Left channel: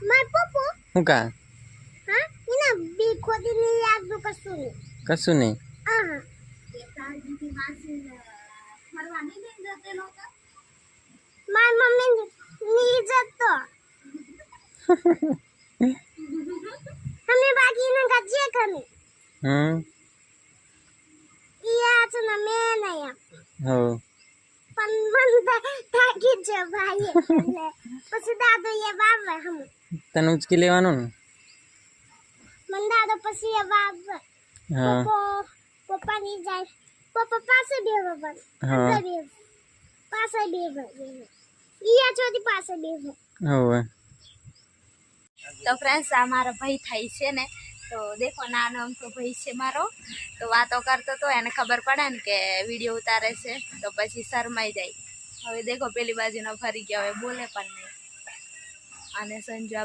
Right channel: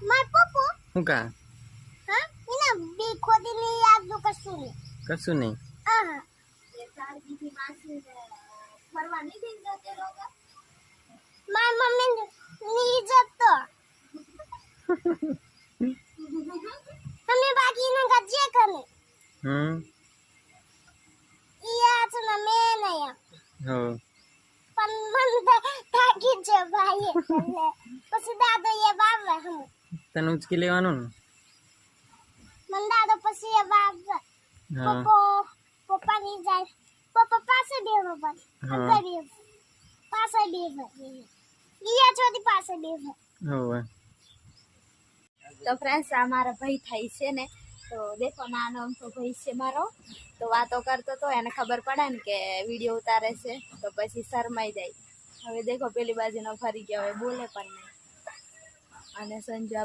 માર પપ્પો હું કા હા એના બી ખોદી ને યાદ નો કશું નહીં આહા એ તારજી માસી ફરવા નહીં દેન જતે લોકો માર મમ્મી ની જતો અમે બાકી ના ગજે કને યા છે ના મે નયા હો પણ મન થાકી જ ભાઈ પછી દાદો એ બાબા હમ તને ઉચકી લેવાનું ને મન દાદો પછી એ બાબા હા પપ્પા ની જાય પપ્પા પાસે બેહો પણ અંદર બેહો પાસે બેહો ઈયા ચોથી પાસે બેહો હોવે તો ફ્રેન્ड्स આ મારો ભાઈ થાય છે ને તો દેખો નાનો અમથો ભાઈ છે મારો તો વાતો કરતો તો એને ખબર પડે ને કે વિડીયો ઉતારે છે તો પછી શરમાઈ જાય હવે દેખો પેલી બાજુનો ફરી ગયો હવે બોલે પણ નહીં અને સંજુ